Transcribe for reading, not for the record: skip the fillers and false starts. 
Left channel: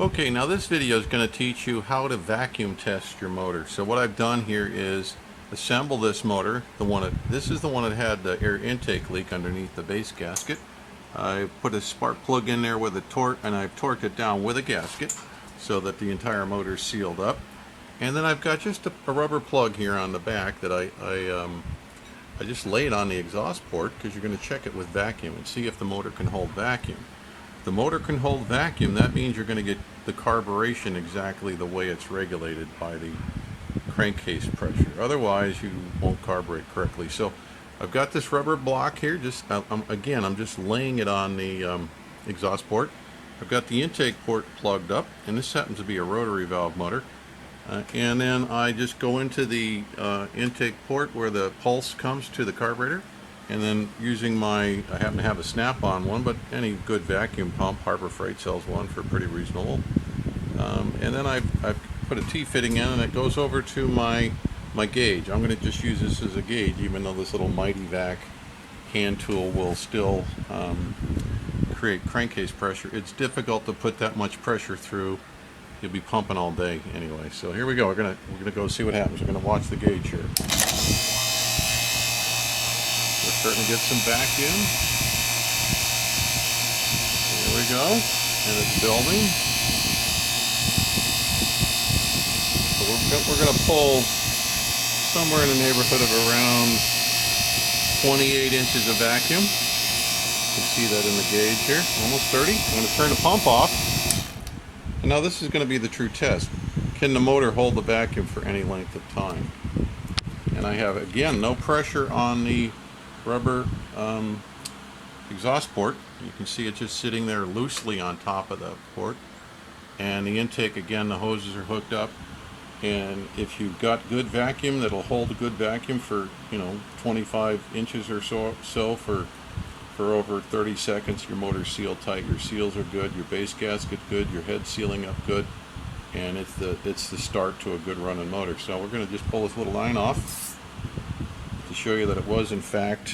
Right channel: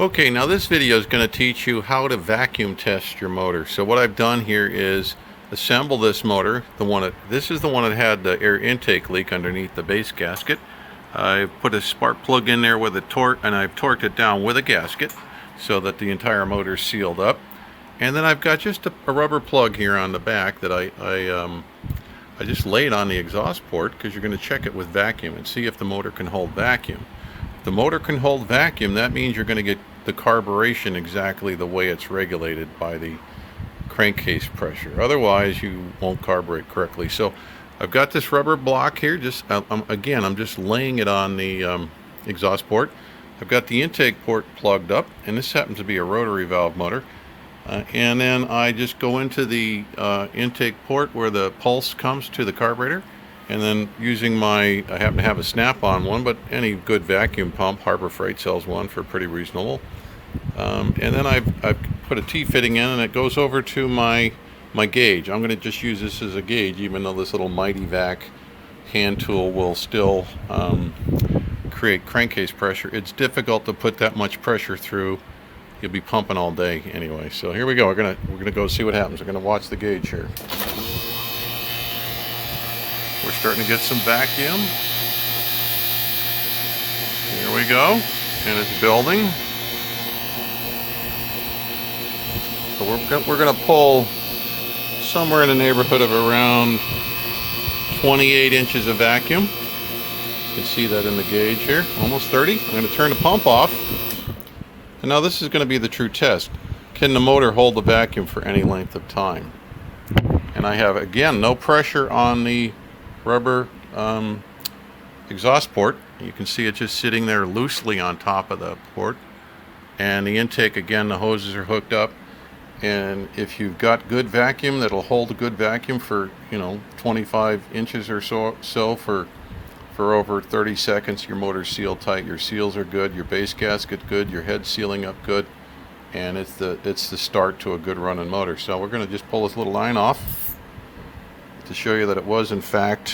Okay, now this video is going to teach you how to vacuum test your motor. So what I've done here is assemble this motor. This is the one that had the air intake leak underneath the base gasket. I put a spark plug in there with a torque, and I've torqued it down with a gasket so that the entire motor is sealed up. And then I've got just a rubber plug here on the back that I just laid on the exhaust port because you're going to check it with vacuum and see if the motor can hold vacuum. If the motor can hold vacuum, that means you're going to get the carburation exactly the way it's regulated by the crankcase pressure. Otherwise, you won't carburate correctly. So I've got this rubber block here. Again, I'm just laying it on the exhaust port. I've got the intake port plugged up, and this happens to be a rotary valve motor. And then I just go into the intake port where the pulse comes to the carburetor, and then using I happen to have a snap-on one, but any good vacuum pump, Harbor Freight sells one for pretty reasonable. And then I've put a T-fitting in, and it goes over to my gauge. I'm going to just use this as a gauge, even though this little Mighty Vac hand tool will still create crankcase pressure. It's difficult to put that much pressure through. You'll be pumping all day anyway. So here we go. We're gonna go see what happens. We're gonna watch the gauge here. We're starting to get some vacuum. Here we go, and it's building. So we're gonna pull somewhere in the neighborhood of around 28 inches of vacuum. You can see that in the gauge here, almost 30. I'm gonna turn the pump off. And now this is going to be the true test. Can the motor hold the vacuum for any length of time? And I have, again, no pressure on the rubber exhaust port. You can see it just sitting there loosely on top of the port. And the intake, again, the hoses are hooked up. And if you've got good vacuum, that'll hold a good vacuum for, 25 inches or so for over 30 seconds. Your motor's sealed tight, your seals are good, your base gasket good, your head sealing up good, and it's the start to a good running motor. So we're going to just pull this little line off to show you that it was in fact